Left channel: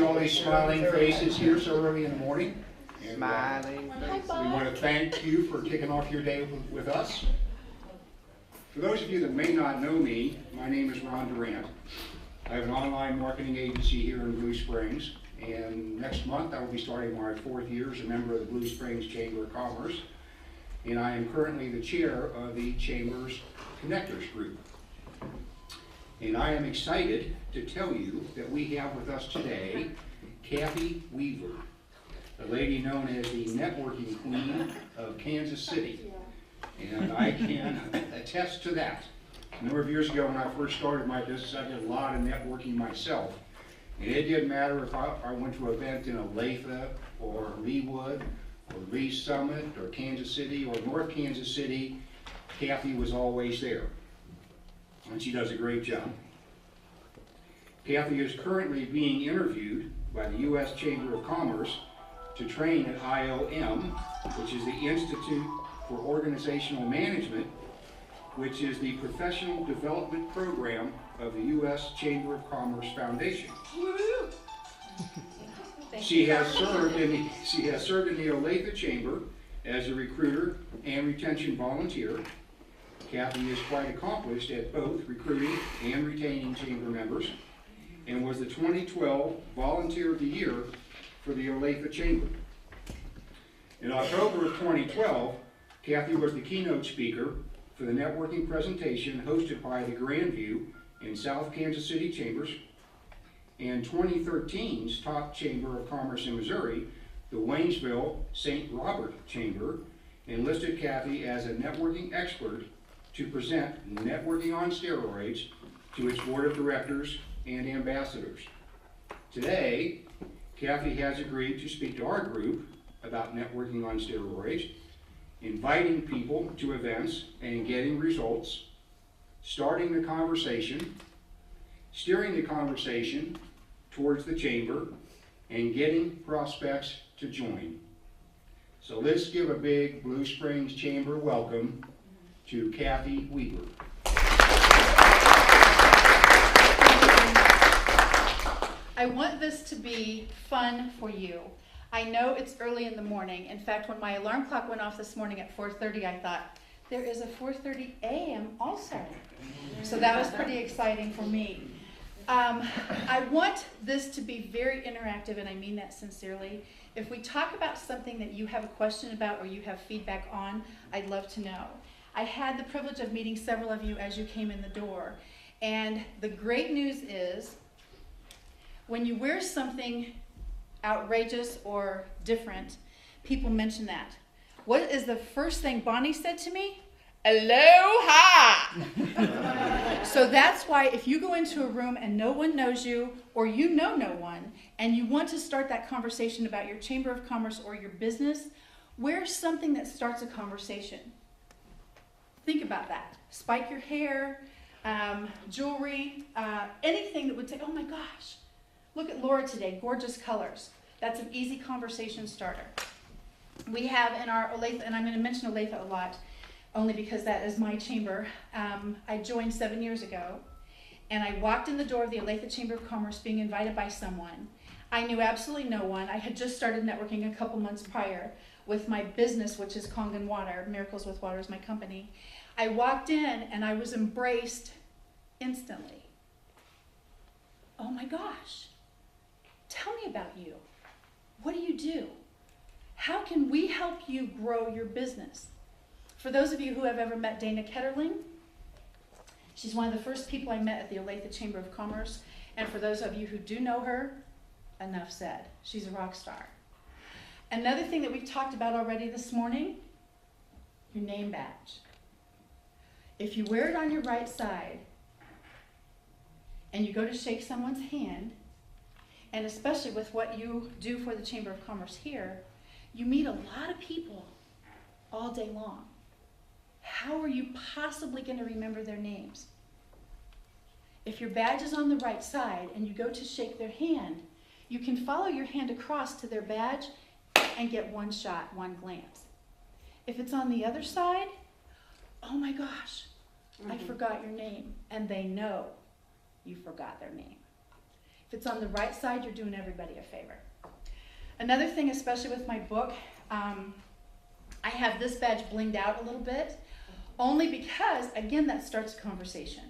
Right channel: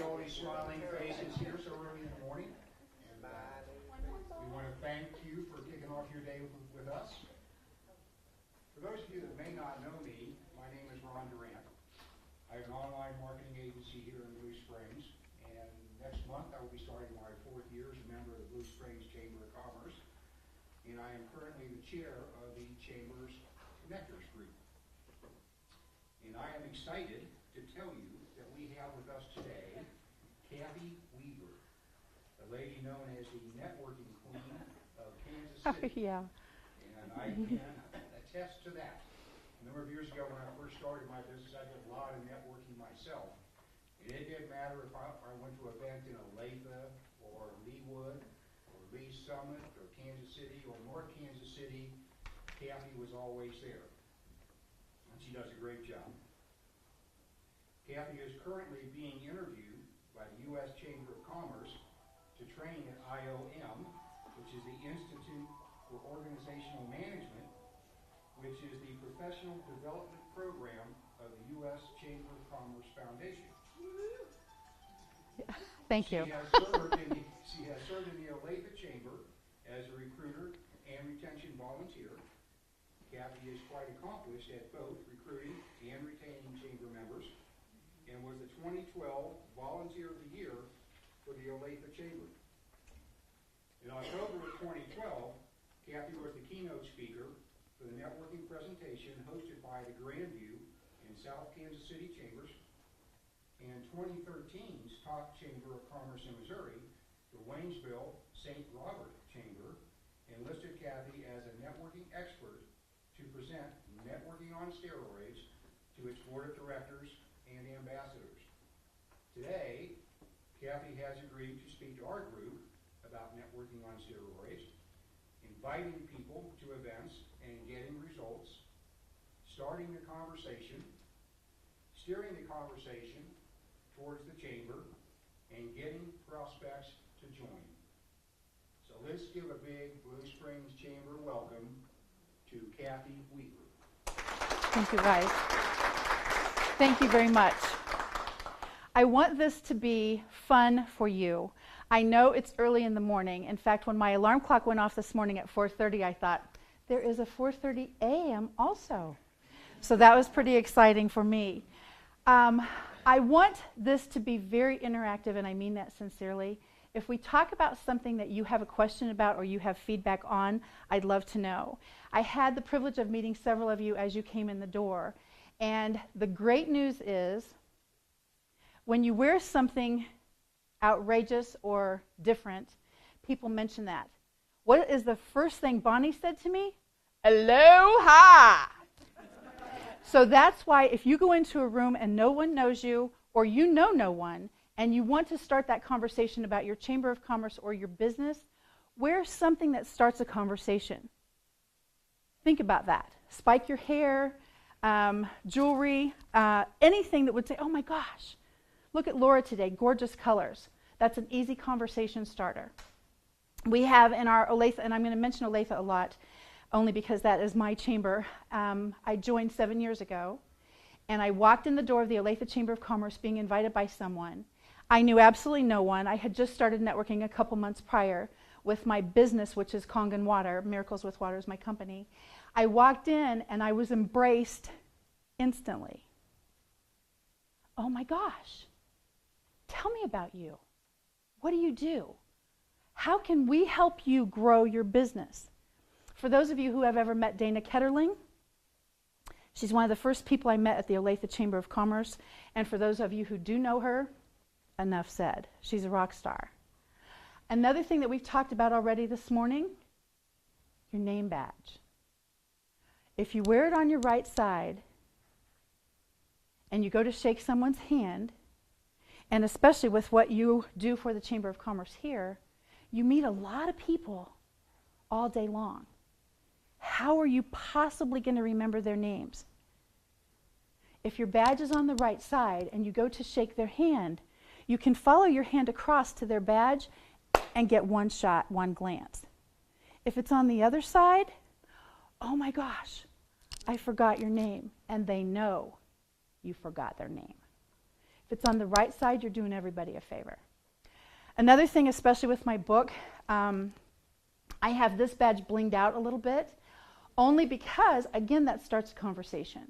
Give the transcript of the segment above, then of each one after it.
see all these smiling faces here so early in the morning. And, Smiling. we want to thank you for kicking off your day with us. For those of you that may not know me, my name is Ron Durant. I have an online marketing agency here in Blue Springs, and next month I will be starting my 4th year as a member of the Blue Springs Chamber of Commerce, and I am currently the chair of the Chamber's Connectors Group. And I am excited to tell you that we have with us today Kathy Weaver, a lady known as the networking queen of Kansas City. Yeah. And I can attest to that. A number of years ago when I first started my business, I did a lot of networking myself. And it didn't matter if I went to an event in Olathe or Leawood or Lee Summit or Kansas City or North Kansas City, Kathy was always there. And she does a great job. Kathy is currently being interviewed by the U.S. Chamber of Commerce to train at IOM, which is the Institute for Organizational Management, which is the professional development program of the U.S. Chamber of Commerce Foundation. Thank She you. has served in the Olathe Chamber as a recruiter and retention volunteer. Kathy is quite accomplished at both recruiting and retaining chamber members, and was the 2012 Volunteer of the Year for the Olathe Chamber. In October of 2012, Kathy was the keynote speaker for the networking presentation hosted by the Grandview and South Kansas City Chambers, and 2013's top Chamber of Commerce in Missouri, the Waynesville St. Robert Chamber, enlisted Kathy as a networking expert to present Networking on Steroids to its board of directors and ambassadors. Today, Kathy has agreed to speak to our group about networking on steroids, inviting people to events and getting results, starting the conversation, steering the conversation towards the chamber, and getting prospects to join. So let's give a big Blue Springs Chamber welcome to Kathy Weaver. Thank you very much. I want this to be fun for you. I know it's early in the morning. In fact, when my alarm clock went off this morning at 4:30, I thought, there is a 4:30 a.m. also. So that was pretty exciting for me. I want this to be very interactive, and I mean that sincerely. If we talk about something that you have a question about or you have feedback on, I'd love to know. I had the privilege of meeting several of you as you came in the door, and the great news is when you wear something outrageous or different, people mention that. What is the first thing Bonnie said to me? Aloha! So that's why if you go into a room and no one knows you, or you know no one, and you want to start that conversation about your Chamber of Commerce or your business, wear something that starts a conversation. Think about that. Spike your hair, jewelry, anything that would say, oh my gosh, look at Laura today, gorgeous colors. That's an easy conversation starter. We have in our Olathe, and I'm going to mention Olathe a lot, only because that is my chamber. I joined 7 years ago, and I walked in the door of the Olathe Chamber of Commerce being invited by someone. I knew absolutely no one. I had just started networking a couple months prior with my business, which is Kangen Water. Miracles with Water is my company. I walked in, and I was embraced instantly. Oh my gosh, tell me about you. What do you do? How can we help you grow your business? For those of you who have ever met Dana Ketterling, she's one of the first people I met at the Olathe Chamber of Commerce. And for those of you who do know her, enough said. She's a rock star. Another thing that we've talked about already this morning, your name badge. If you wear it on your right side and you go to shake someone's hand, and especially with what you do for the Chamber of Commerce here, you meet a lot of people all day long. How are you possibly going to remember their names? If your badge is on the right side and you go to shake their hand, you can follow your hand across to their badge and get one shot, one glance. If it's on the other side, oh my gosh, I forgot your name, and they know you forgot their name. If it's on the right side, you're doing everybody a favor. Another thing, especially with my book, I have this badge blinged out a little bit, only because, again, that starts a conversation.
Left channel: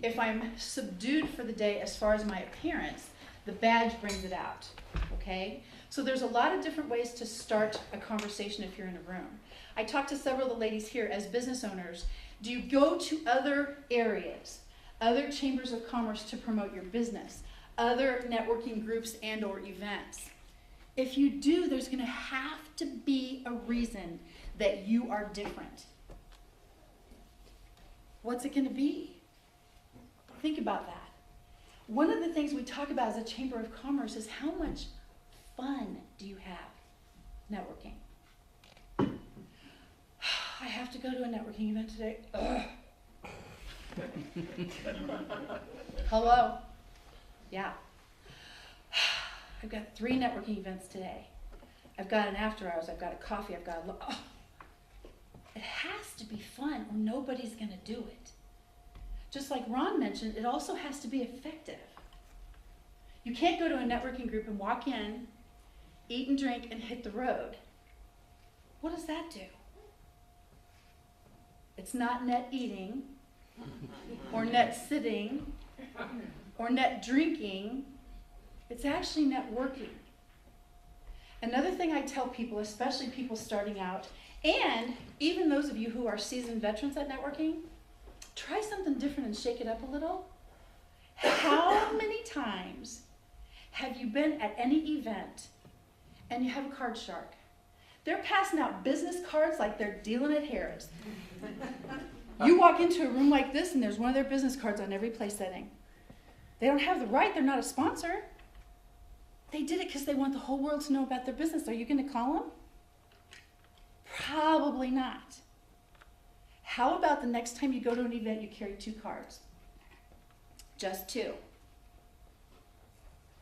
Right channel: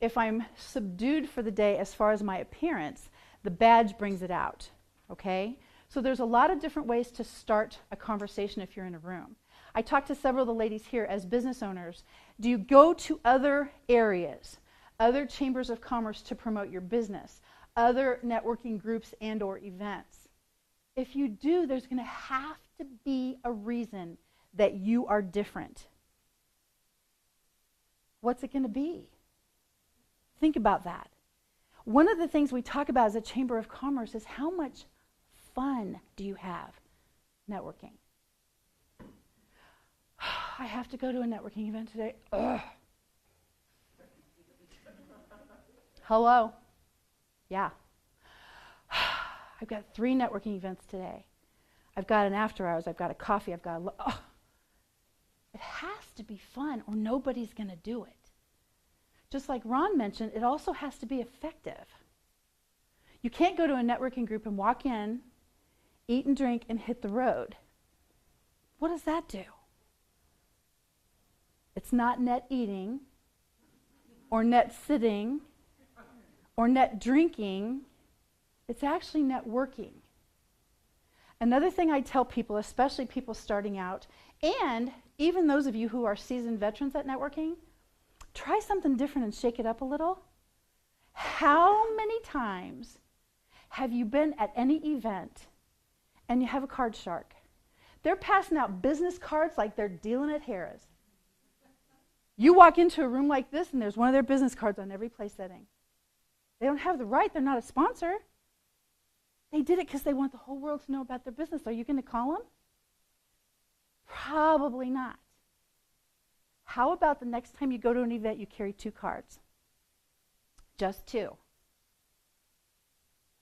If I'm subdued for the day as far as my appearance, the badge brings it out, okay? So there's a lot of different ways to start a conversation if you're in a room. I talked to several of the ladies here as business owners. Do you go to other areas, other chambers of commerce to promote your business, other networking groups and or events? If you do, there's going to have to be a reason that you are different. What's it going to be? Think about that. One of the things we talk about as a Chamber of Commerce is how much fun do you have networking? I have to go to a networking event today. Ugh. Hello? Yeah. I've got 3 networking events today. I've got an after hours, I've got a coffee, I've got a It has to be fun or nobody's going to do it. Just like Ron mentioned, it also has to be effective. You can't go to a networking group and walk in, eat and drink, and hit the road. What does that do? It's not net eating, or net sitting, or net drinking. It's actually networking. Another thing I tell people, especially people starting out, and even those of you who are seasoned veterans at networking, try something different and shake it up a little. How many times have you been at any event and you have a card shark? They're passing out business cards like they're dealing at Harrah's. You walk into a room like this and there's one of their business cards on every place setting. They don't have the right, they're not a sponsor. They did it because they want the whole world to know about their business. Are you going to call them? Probably not. How about the next time you go to an event, you carry 2 cards? Just 2.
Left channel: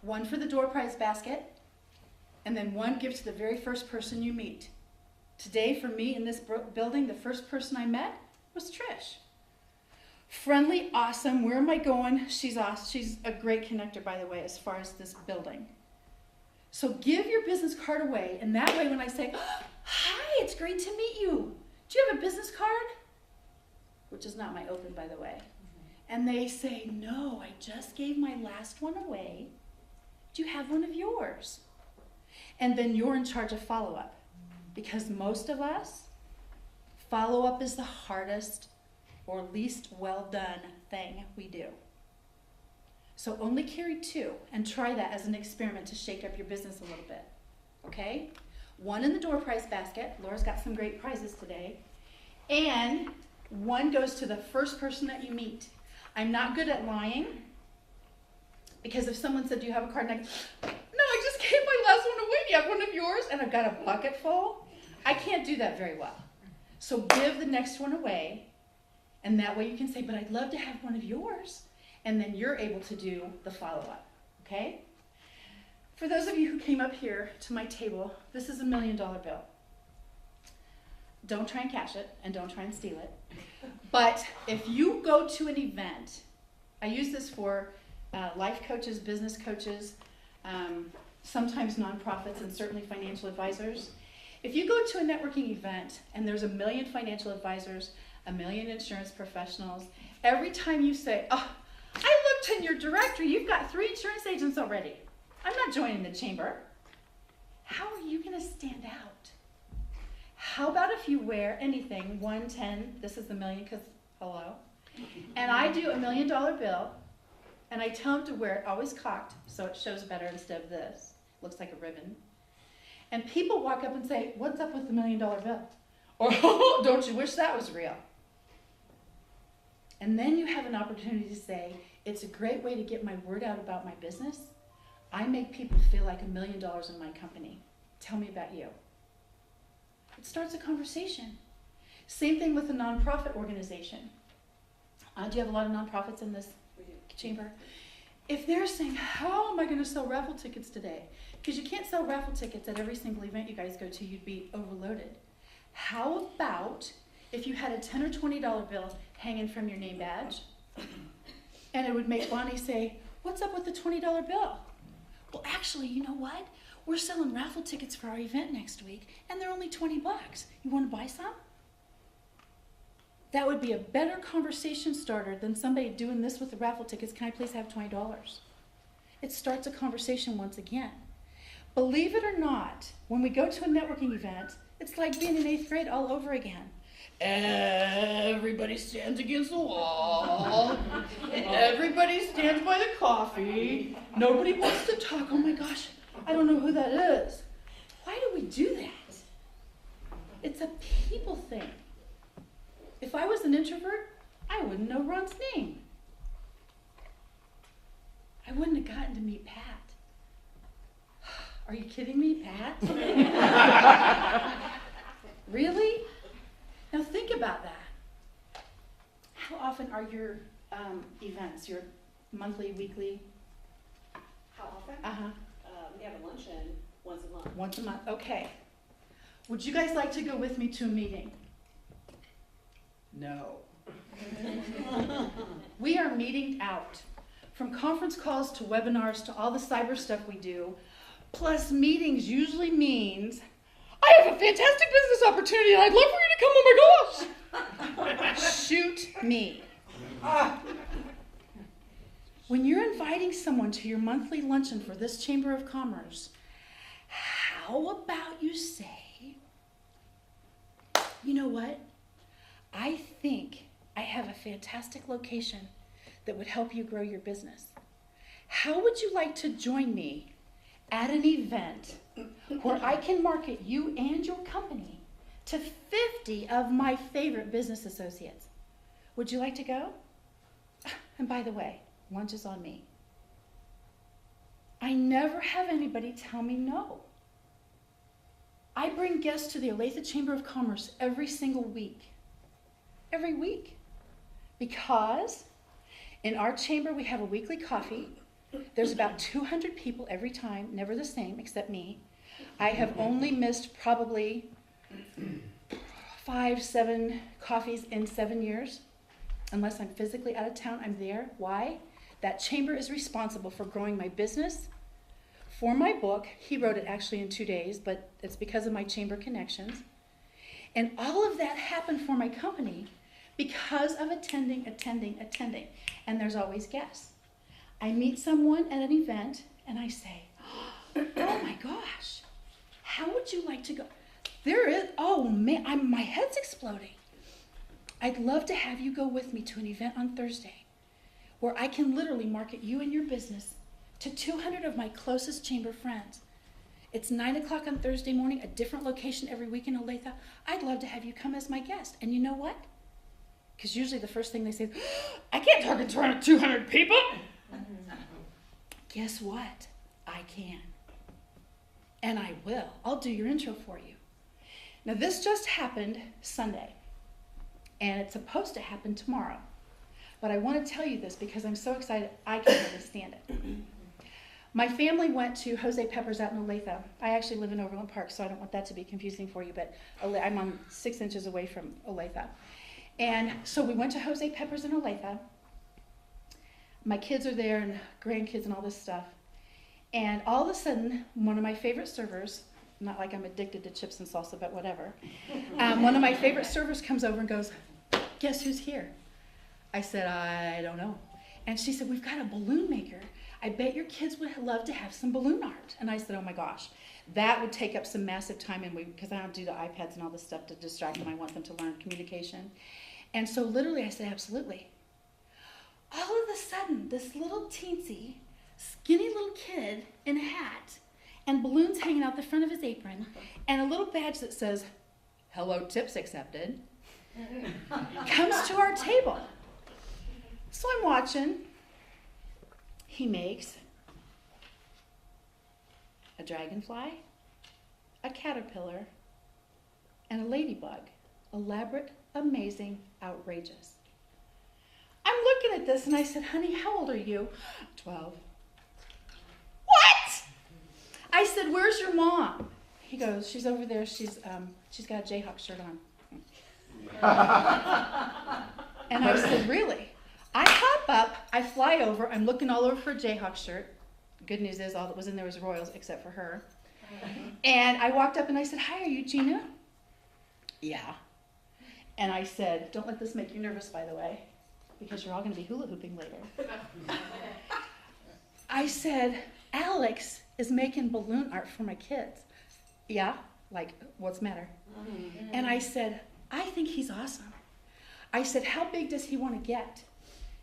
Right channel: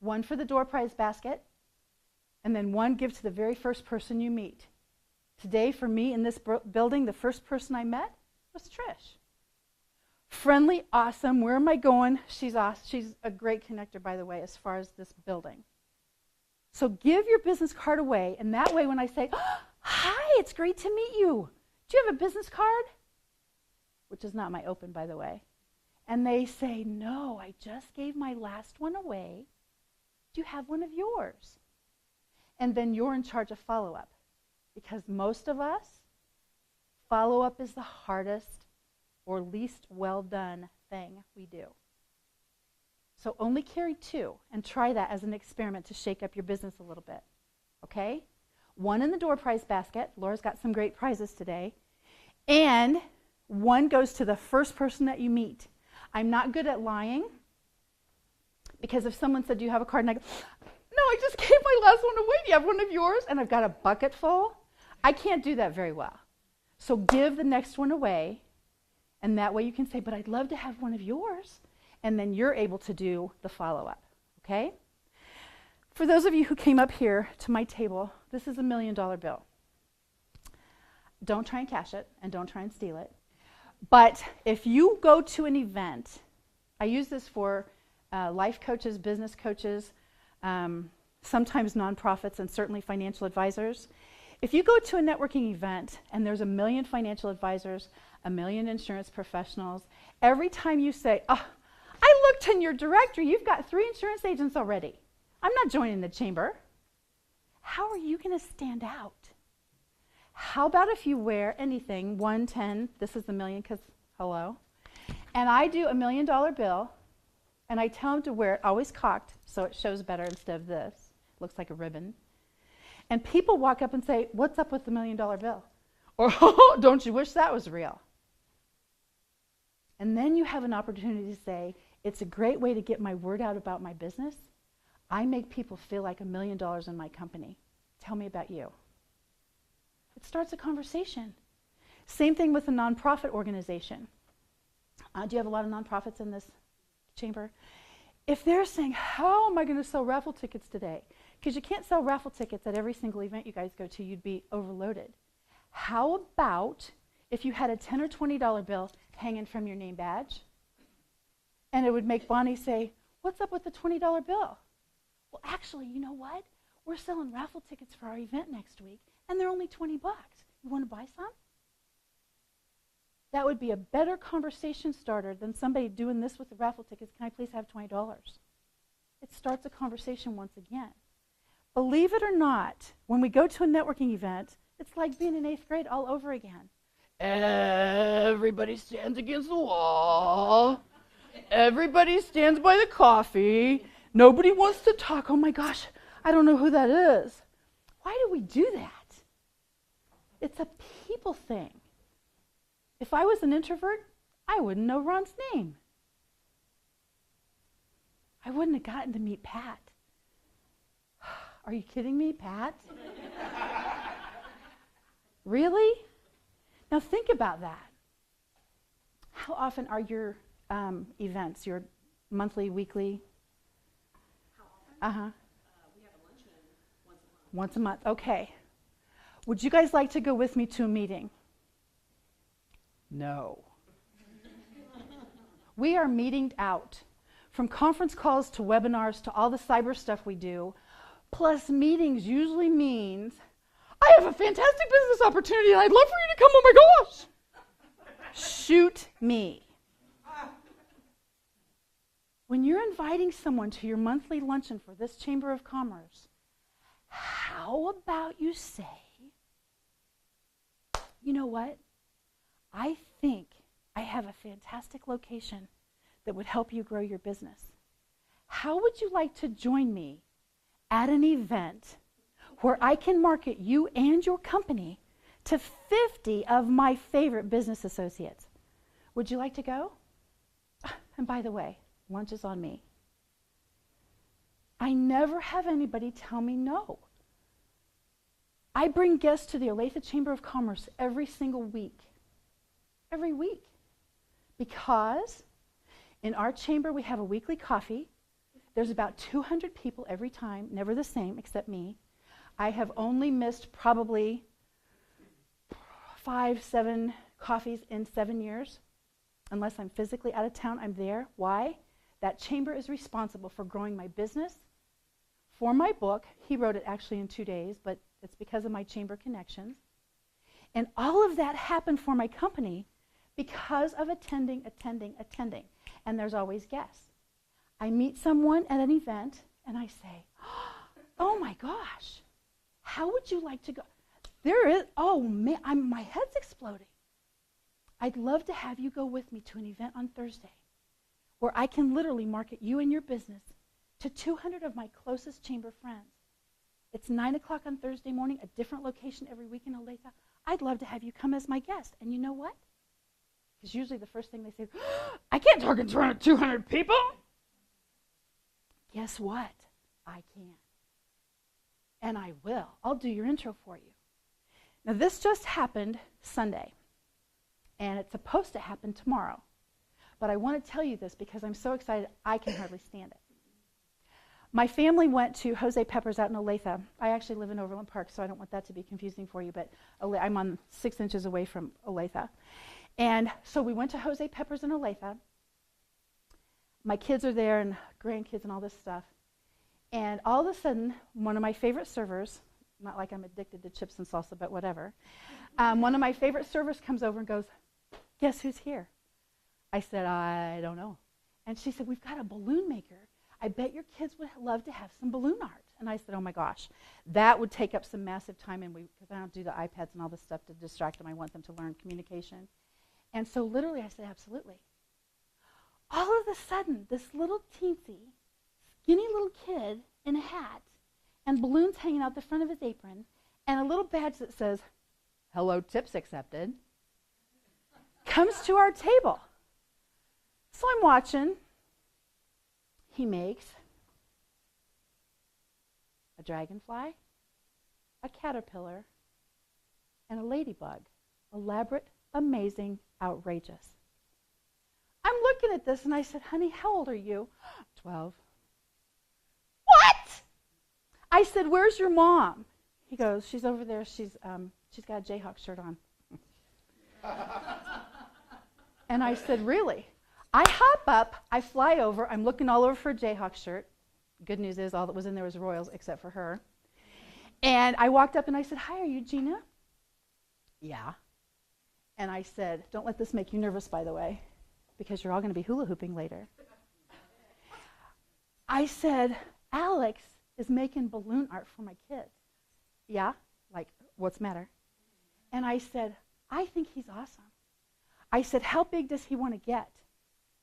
One for the door prize basket, and then one give to the very first person you meet. Today, for me in this building, the first person I met was Trish. Friendly, awesome. Where am I going? She's awesome. She's a great connector, by the way, as far as this building. So give your business card away, and that way when I say, oh, hi, it's great to meet you. Do you have a business card? Which is not my open, by the way. And they say, no, I just gave my last one away. Do you have one of yours? And then you're in charge of follow-up. Because most of us, follow-up is the hardest or least well done thing we do. So only carry 2 and try that as an experiment to shake up your business a little bit. Okay? 1 in the door prize basket. Laura's got some great prizes today. And 1 goes to the first person that you meet. I'm not good at lying, because if someone said, do you have a card? And I go, no, I just gave my last one away. Do you have one of yours? And I've got a bucket full. I can't do that very well. So give the next one away, and that way you can say, but I'd love to have one of yours. And then you're able to do the follow-up, okay? For those of you who came up here to my table, this is $1 million bill. Don't try and cash it, and don't try and steal it. But if you go to an event, I use this for life coaches, business coaches, sometimes nonprofits, and certainly financial advisors. If you go to a networking event and there's 1 million financial advisors, 1 million insurance professionals, every time you say, oh, I looked in your directory, you've got 3 insurance agents already. I'm not joining the chamber. How are you going to stand out? How about if you wear anything, 1, 10, this is the million because, hello, and I do $1 million bill, and I tell them to wear it always cocked so it shows better instead of this. Looks like a ribbon. And people walk up and say, what's up with the $1 million bill? Or, oh, don't you wish that was real? And then you have an opportunity to say, it's a great way to get my word out about my business. I make people feel like $1 million in my company. Tell me about you. It starts a conversation. Same thing with a nonprofit organization. Do you have a lot of nonprofits in this chamber? If they're saying, how am I going to sell raffle tickets today? Because you can't sell raffle tickets at every single event you guys go to. You'd be overloaded. How about if you had a $10 or $20 bill hanging from your name badge, and it would make Bonnie say, What's up with the $20 bill? Well, actually, you know what? We're selling raffle tickets for our event next week, and they're only $20. You want to buy some? That would be a better conversation starter than somebody doing this with the raffle tickets. Can I please have $20? It starts a conversation once again. Believe it or not, when we go to a networking event, it's like being in 8th grade all over again. Everybody stands against the wall. Everybody stands by the coffee. Nobody wants to talk. Oh my gosh, I don't know who that is. Why do we do that? It's a people thing. If I was an introvert, I wouldn't know Ron's name. I wouldn't have gotten to meet Pat. Are you kidding me, Pat? Really? Now think about that. How often are your events, your monthly, weekly? How often? Uh-huh. We have a luncheon once a month. Once a month, okay. Would you guys like to go with me to a meeting? No. We are meeting out. From conference calls to webinars to all the cyber stuff we do, plus meetings usually means, I have a fantastic business opportunity and I'd love for you to come, oh my gosh. Shoot me. When you're inviting someone to your monthly luncheon for this Chamber of Commerce, how about you say, you know what? I think I have a fantastic location that would help you grow your business. How would you like to join me at an event where I can market you and your company to 50 of my favorite business associates? Would you like to go? And by the way, lunch is on me. I never have anybody tell me no. I bring guests to the Olathe Chamber of Commerce every single week. Every week. Because in our chamber we have a weekly coffee. There's about 200 people every time, never the same except me. I have only missed probably 5, 7 coffees in 7 years. Unless I'm physically out of town, I'm there. Why? That chamber is responsible for growing my business, for my book. He wrote it actually in 2 days, but it's because of my chamber connections. And all of that happened for my company because of attending. And there's always guests. I meet someone at an event and I say, oh my gosh, how would you like to go? There is, oh man, my head's exploding. I'd love to have you go with me to an event on Thursday where I can literally market you and your business to 200 of my closest chamber friends. It's 9 o'clock on Thursday morning, a different location every week in Olathe. I'd love to have you come as my guest. And you know what? Because usually the first thing they say is, I can't target 200 people. Guess what? I can. And I will. I'll do your intro for you. Now this just happened Sunday. And it's supposed to happen tomorrow. But I want to tell you this because I'm so excited I can hardly stand it. My family went to Jose Pepper's out in Olathe. I actually live in Overland Park, so I don't want that to be confusing for you, but I'm on 6 inches away from Olathe. And so we went to Jose Pepper's in Olathe. My kids are there and grandkids and all this stuff. And all of a sudden, one of my favorite servers, not like I'm addicted to chips and salsa, but whatever. One of my favorite servers comes over and goes, guess who's here? I said, I don't know. And she said, we've got a balloon maker. I bet your kids would love to have some balloon art. And I said, oh my gosh, that would take up some massive time, and because I don't do the iPads and all this stuff to distract them. I want them to learn communication. And so literally I said, absolutely. All of a sudden, this little teensy, skinny little kid in a hat and balloons hanging out the front of his apron and a little badge that says, hello, tips accepted, comes to our table. So I'm watching. He makes a dragonfly, a caterpillar, and a ladybug. Elaborate, amazing, outrageous. I'm looking at this and I said, honey, how old are you? 12. What? I said, where's your mom? He goes, she's over there. She's got a Jayhawk shirt on. And I said, really? I hop up, I fly over, I'm looking all over for a Jayhawk shirt. Good news is all that was in there was Royals except for her. And I walked up and I said, "Hi, are you Gina?" "Yeah." And I said, "Don't let this make you nervous, by the way, because you're all going to be hula hooping later." I said, "Alex is making balloon art for my kids." "Yeah?" Like, what's the matter? And I said, "I think he's awesome." I said, "How big does he want to get?"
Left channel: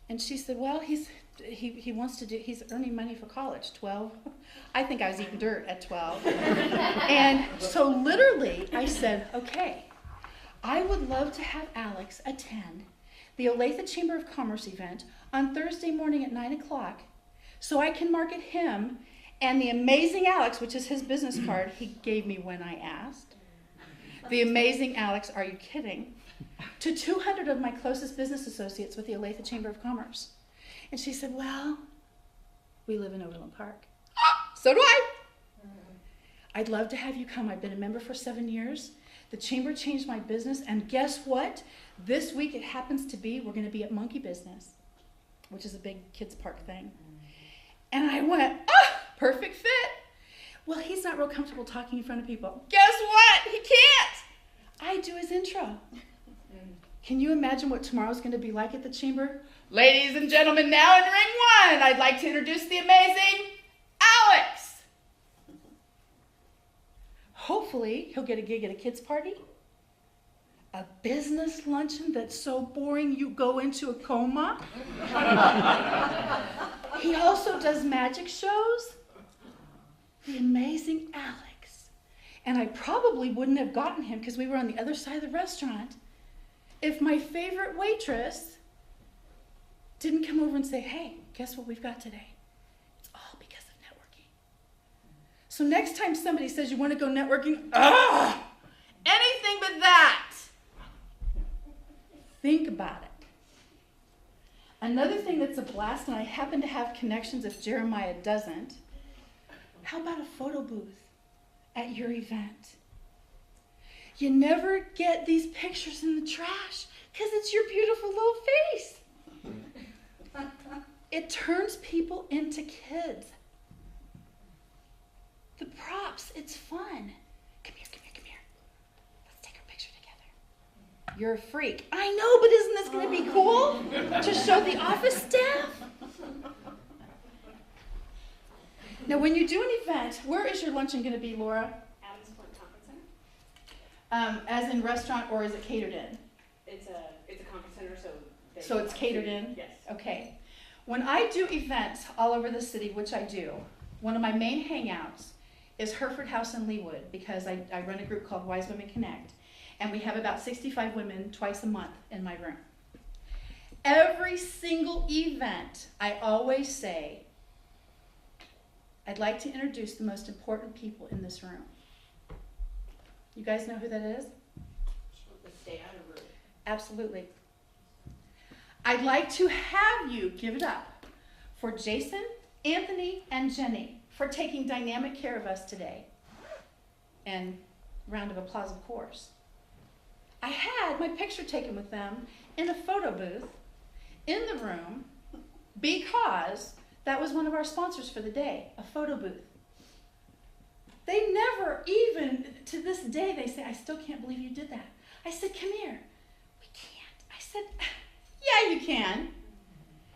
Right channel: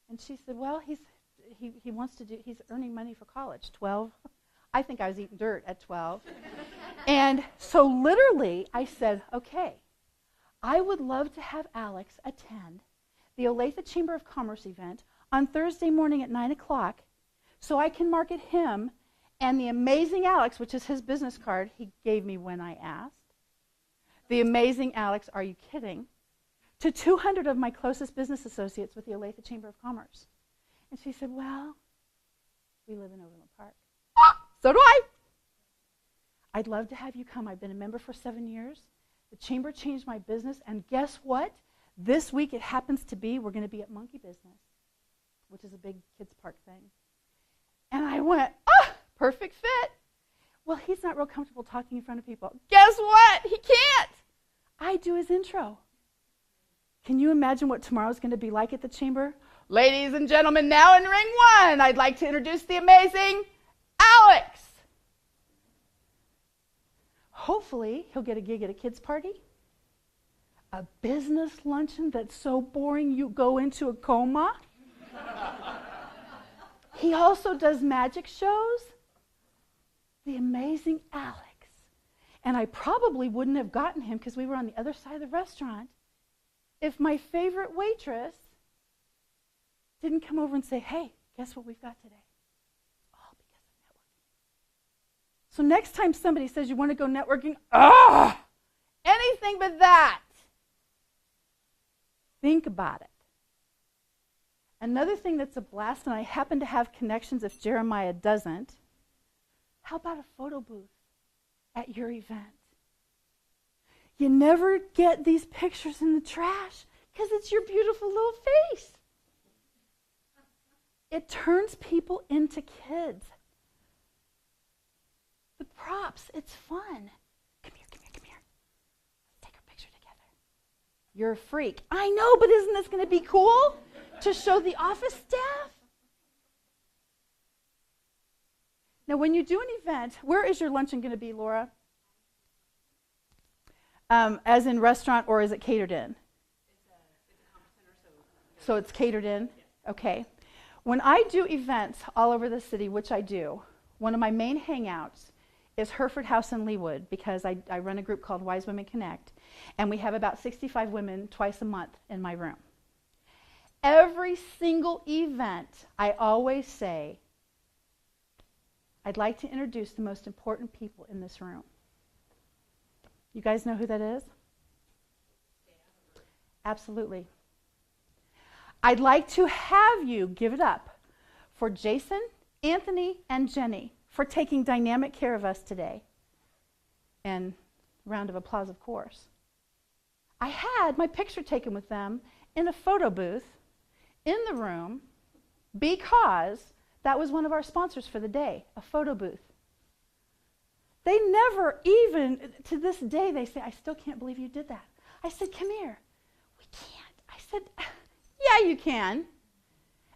And she said, "Well, he wants to do, he's earning money for college, 12. I think I was eating dirt at 12. And so literally I said, "Okay, I would love to have Alex attend the Olathe Chamber of Commerce event on Thursday morning at 9 o'clock so I can market him and the amazing Alex," which is his business card he gave me when I asked. "The amazing Alex, are you kidding?" to 200 of my closest business associates with the Olathe Chamber of Commerce. And she said, "Well, we live in Overland Park." "So do I." "I'd love to have you come. I've been a member for 7 years. The chamber changed my business, and guess what? This week it happens to be, we're going to be at Monkey Business," which is a big kids park thing. And I went, perfect fit. "Well, he's not real comfortable talking in front of people." "Guess what? He can't." I do his intro. Can you imagine what tomorrow's going to be like at the chamber? "Ladies and gentlemen, now in ring 1, I'd like to introduce the amazing Alex." Hopefully, he'll get a gig at a kids' party, a business luncheon that's so boring you go into a coma. He also does magic shows. The amazing Alex. And I probably wouldn't have gotten him because we were on the other side of the restaurant if my favorite waitress didn't come over and say, "Hey, guess what we've got today?" It's all because of networking. So next time somebody says you want to go networking, anything but that. Think about it. Another thing that's a blast, and I happen to have connections if Jeremiah doesn't, how about a photo booth at your event? You never get these pictures in the trash because it's your beautiful little face. It turns people into kids. The props, it's fun. Come here. Let's take our picture together. You're a freak. I know, but isn't this going to be cool to show the office staff? Now, when you do an event, where is your luncheon going to be, Laura? Adams Point Conference Center. As in restaurant, or is it catered in? It's a conference center, so. So it's catered in? Yes. Okay. When I do events all over the city, which I do, one of my main hangouts is Hereford House in Leawood, because I run a group called Wise Women Connect, and we have about 65 women twice a month in my room. Every single event, I always say, I'd like to introduce the most important people in this room. You guys know who that is? Stay out of the room. Absolutely. I'd like to have you give it up for Jason, Anthony, and Jenny for taking dynamic care of us today. And round of applause, of course. I had my picture taken with them in a photo booth in the room because that was one of our sponsors for the day, a photo booth. They never even, to this day, they say, "I still can't believe you did that." I said, "Come here." "We can't." I said, "Yeah, you can."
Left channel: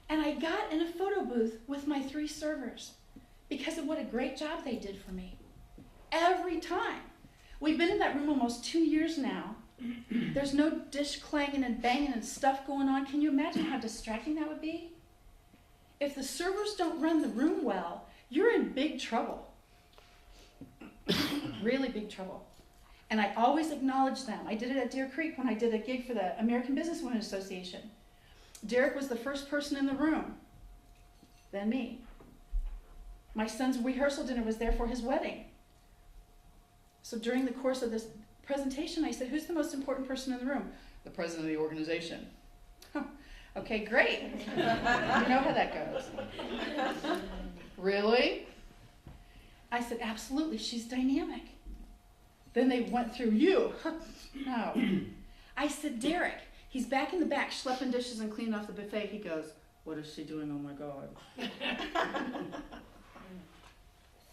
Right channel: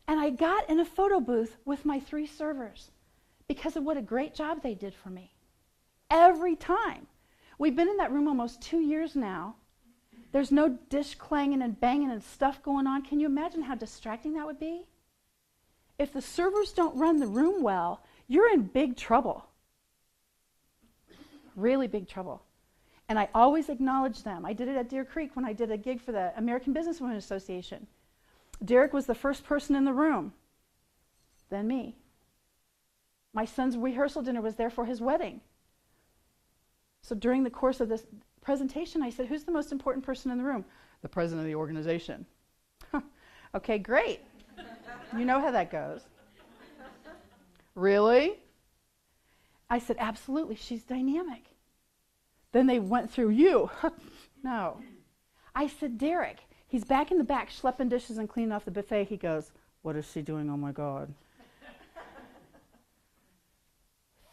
And I got in a photo booth with my 3 servers because of what a great job they did for me. Every time. We've been in that room almost 2 years now. There's no dish clanging and banging and stuff going on. Can you imagine how distracting that would be? If the servers don't run the room well, you're in big trouble. Really big trouble. And I always acknowledge them. I did it at Deer Creek when I did a gig for the American Businesswomen Association. Derek was the first person in the room, then me. My son's rehearsal dinner was there for his wedding. So during the course of this presentation, I said, "Who's the most important person in the room?" "The president of the organization." Okay, great. You know how that goes. "Really?" I said, "Absolutely, she's dynamic." Then they went through you. No. I said, "Derek," he's back in the back schlepping dishes and cleaning off the buffet. He goes, What is she doing? Oh my God.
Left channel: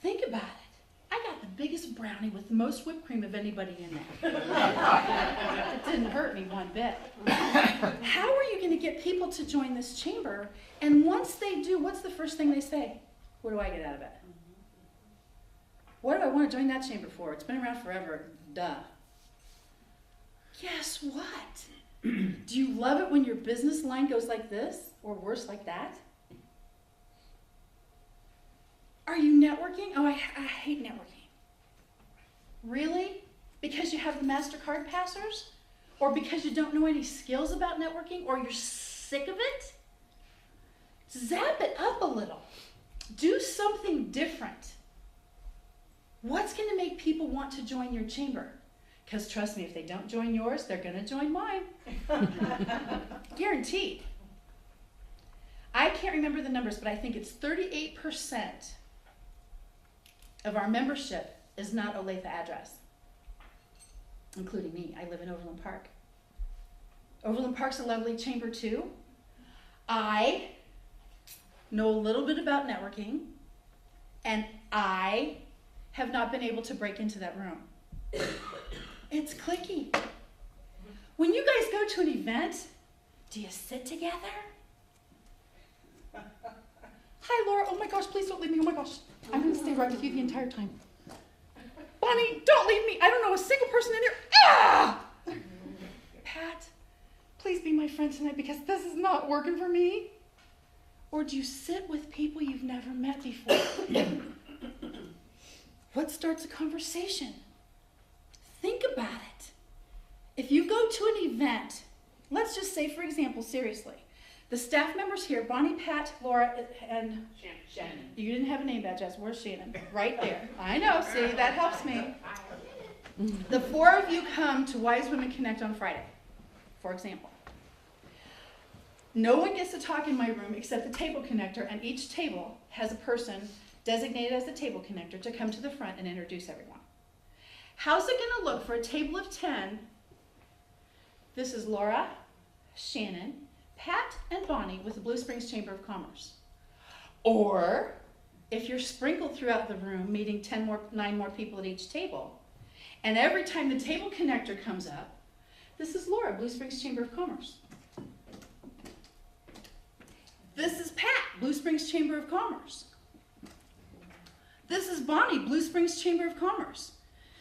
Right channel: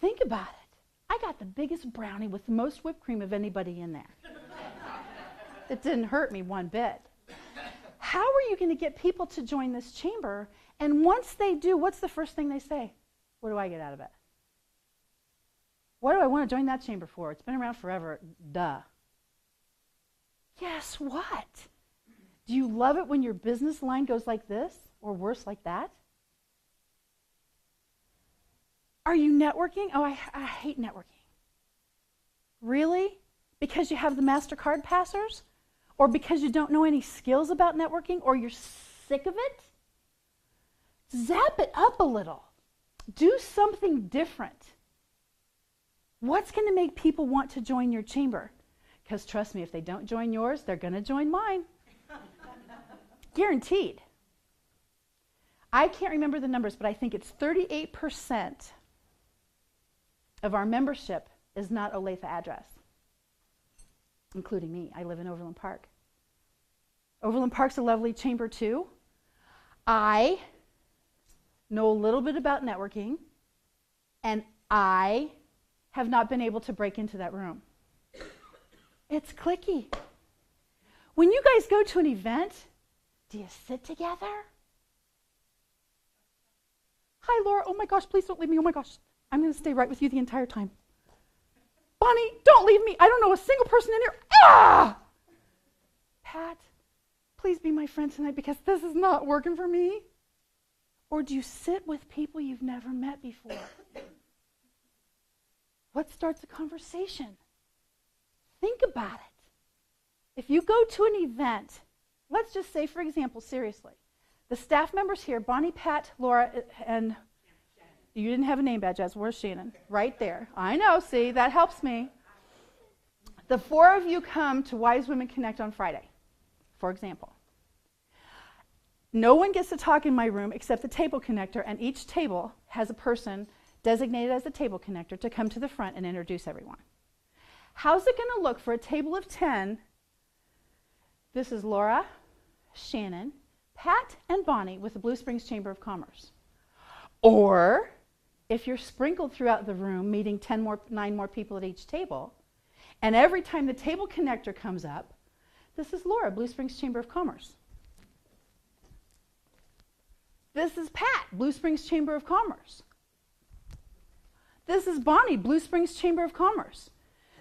Think about it. I got the biggest brownie with the most whipped cream of anybody in there. It didn't hurt me one bit. How are you going to get people to join this chamber? And once they do, what's the first thing they say? What do I get out of it? What do I want to join that chamber for? It's been around forever. Duh. Guess what? Do you love it when your business line goes like this? Or worse, like that? Are you networking? Oh, I hate networking. Really? Because you have the MasterCard passers? Or because you don't know any skills about networking? Or you're sick of it? Zap it up a little. Do something different. What's going to make people want to join your chamber? Because trust me, if they don't join yours, they're going to join mine. Guaranteed. I can't remember the numbers, but I think it's 38% of our membership is not Olathe address, including me. I live in Overland Park. Overland Park's a lovely chamber too. I know a little bit about networking, and I have not been able to break into that room. It's cliquey. When you guys go to an event, do you sit together? Hi, Laura. Oh my gosh, please don't leave me. Oh my gosh. I'm going to stay right with you the entire time. Bonnie, don't leave me. I don't know a single person in here. Ah! Pat, please be my friend tonight because this is not working for me. Or do you sit with people you've never met before? What starts a conversation? Think about it. If you go to an event, let's just say, for example, seriously, the staff members here, Bonnie, Pat, Laura, and Shannon. you didn't have a name badge, yes. Where's Shannon? Right there. I know, see, that helps me. The four of you come to Wise Women Connect on Friday, for example. No one gets to talk in my room except the table connector, and each table has a person designated as the table connector to come to the front and introduce everyone. How's it going to look for a table of 10? This is Laura, Shannon, Pat, and Bonnie with the Blue Springs Chamber of Commerce. Or, if you're sprinkled throughout the room, meeting 9 more people at each table, and every time the table connector comes up, this is Laura, Blue Springs Chamber of Commerce. This is Pat, Blue Springs Chamber of Commerce. This is Bonnie, Blue Springs Chamber of Commerce.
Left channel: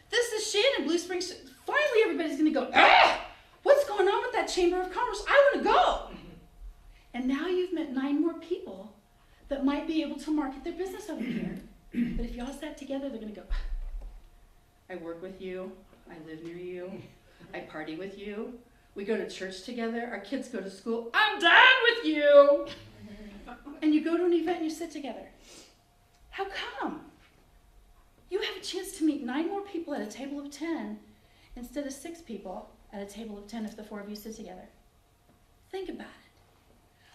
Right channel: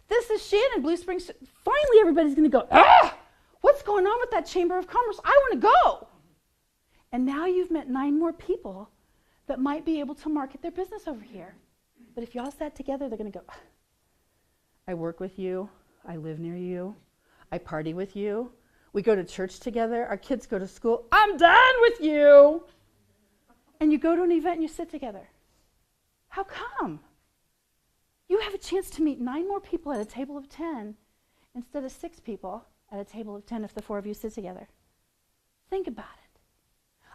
This is Shannon, Blue Springs. Finally, everybody's going to go, ah! What's going on with that Chamber of Commerce? I want to go. And now you've met 9 more people that might be able to market their business over here. But if y'all sat together, they're going to go, I work with you. I live near you. I party with you. We go to church together. Our kids go to school. I'm done with you. And you go to an event and you sit together. How come? You have a chance to meet 9 more people at a table of 10 instead of 6 people at a table of 10 if the 4 of you sit together. Think about it.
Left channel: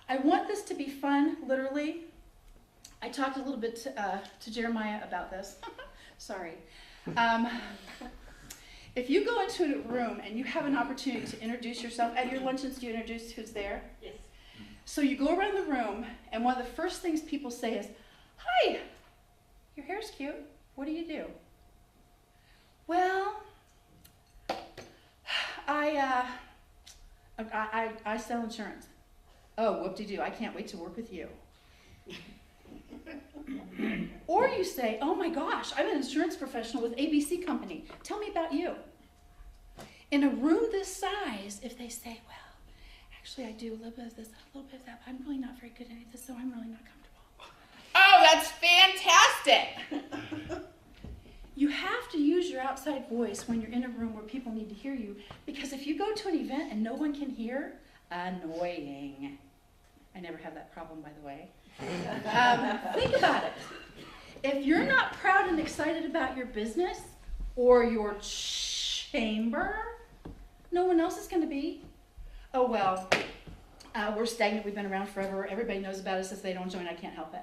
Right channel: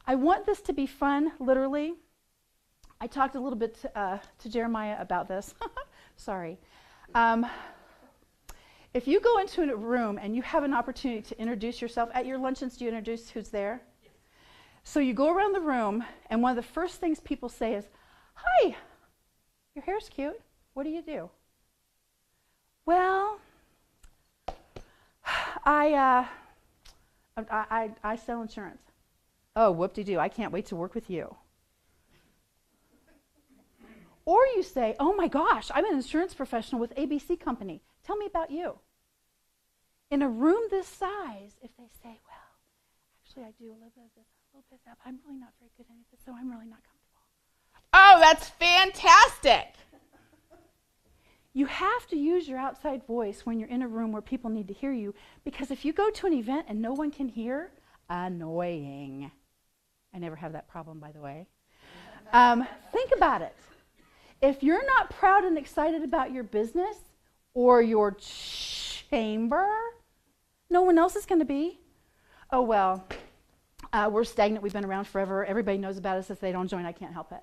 I want this to be fun, literally. I talked a little bit to Jeremiah about this. Sorry. If you go into a room and you have an opportunity to introduce yourself, at your luncheons, do you introduce who's there? Yes. So you go around the room, and one of the first things people say is, hi, your hair's cute. What do you do? Well, I sell insurance. Oh, whoop-de-doo, I can't wait to work with you. Or you say, oh my gosh, I'm an insurance professional with ABC Company. Tell me about you. In a room this size, if they say, well, actually I do a little bit of this, a little bit of that, but I'm really not very good at any of this, so I'm really not comfortable. Oh, that's fantastic. You have to use your outside voice when you're in a room where people need to hear you, because if you go to an event and no one can hear, annoying. I never have that problem, by the way. Think about it. If you're not proud and excited about your business or your chamber, no one else is going to be. Oh, well, we're stagnant. We've been around forever. Everybody knows about us. If they don't join, I can't help it.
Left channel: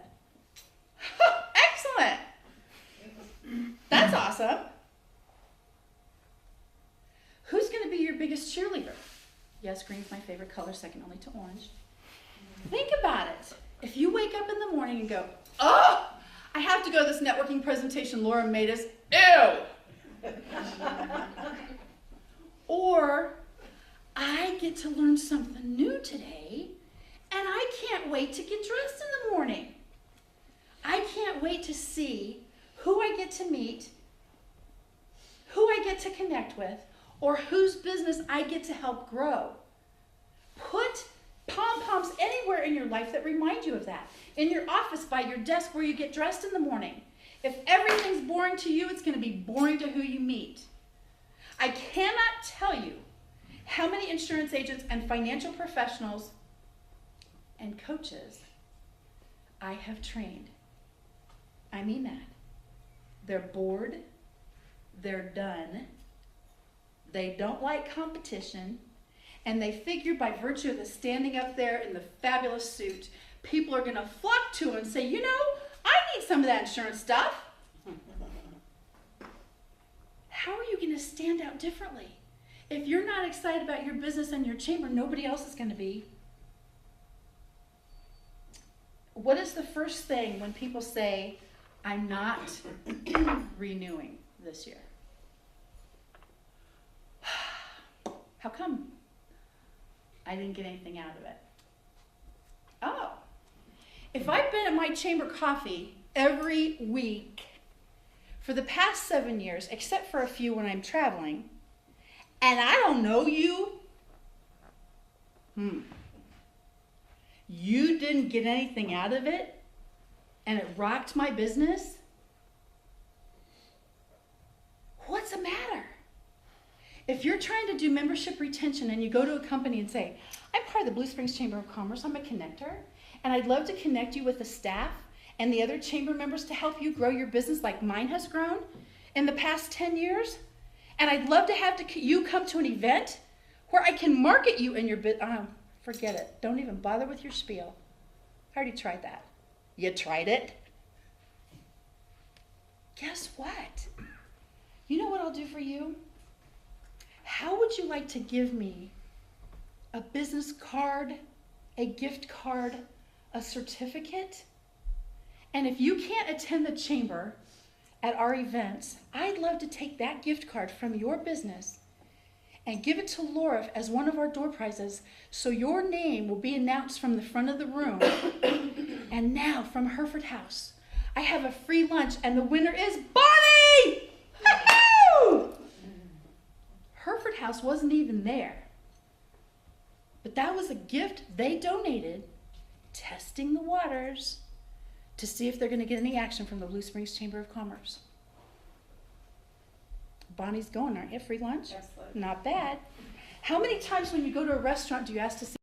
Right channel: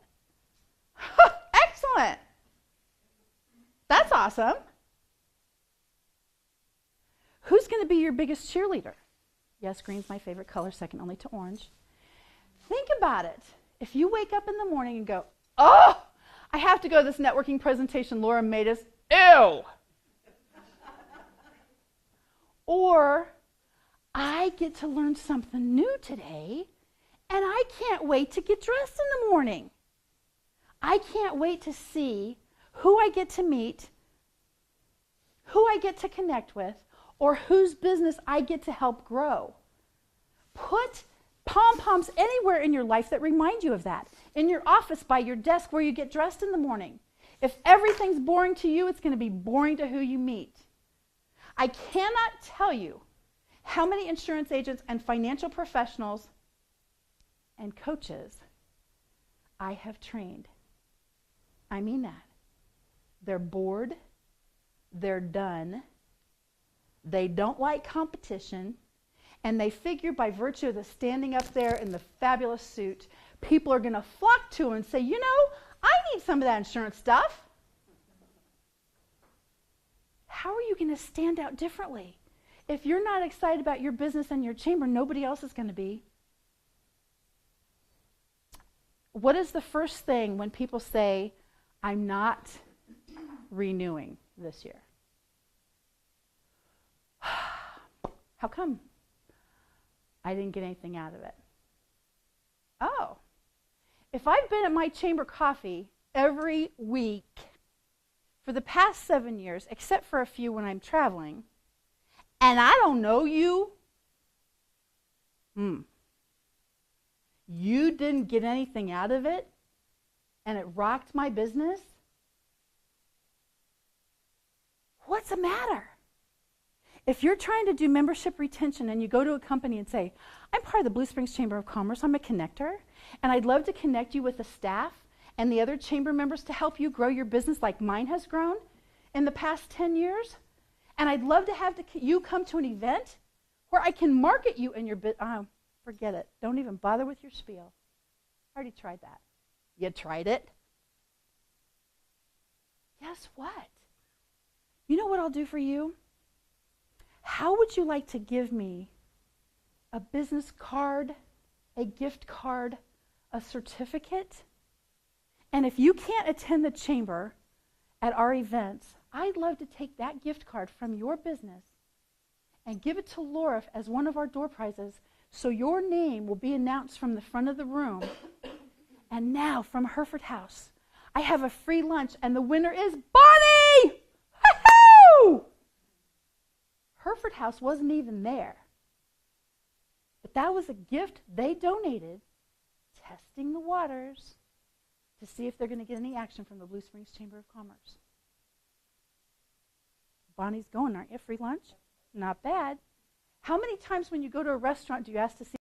Excellent. That's awesome. Who's going to be your biggest cheerleader? Yes, green's my favorite color, second only to orange. Think about it. If you wake up in the morning and go, oh, I have to go to this networking presentation Laura made us, ew. Or, I get to learn something new today, and I can't wait to get dressed in the morning. I can't wait to see who I get to meet, who I get to connect with, or whose business I get to help grow. Put pom-poms anywhere in your life that remind you of that. In your office, by your desk, where you get dressed in the morning. If everything's boring to you, it's going to be boring to who you meet. I cannot tell you how many insurance agents and financial professionals and coaches I have trained. I mean that. They're bored. They're done. They don't like competition. And they figure by virtue of the standing up there in the fabulous suit, people are going to flock to and say, you know, I need some of that insurance stuff. How are you going to stand out differently? If you're not excited about your business and your chamber, nobody else is going to be. What is the first thing when people say, I'm not renewing this year? How come? I didn't get anything out of it. Oh, if I've been at my chamber coffee every week for the past 7 years, except for a few when I'm traveling, and I don't know you, you didn't get anything out of it, and it rocked my business, what's the matter? If you're trying to do membership retention and you go to a company and say, I'm part of the Blue Springs Chamber of Commerce, I'm a connector, and I'd love to connect you with the staff and the other chamber members to help you grow your business like mine has grown in the past 10 years, and I'd love to have you come to an event where I can market you in your business. Forget it. Don't even bother with your spiel. I already tried that. You tried it? Guess what? You know what I'll do for you? How would you like to give me a business card, a gift card, a certificate? And if you can't attend the chamber at our events, I'd love to take that gift card from your business and give it to Laura as one of our door prizes, so your name will be announced from the front of the room. And now, from Hereford House, I have a free lunch, and the winner is Bonnie! Woo-hoo! Hereford House wasn't even there. But that was a gift they donated, testing the waters to see if they're going to get any action from the Blue Springs Chamber of Commerce. Bonnie's going, aren't you? Free lunch? Excellent. Not bad. How many times when you go to a restaurant do you ask to see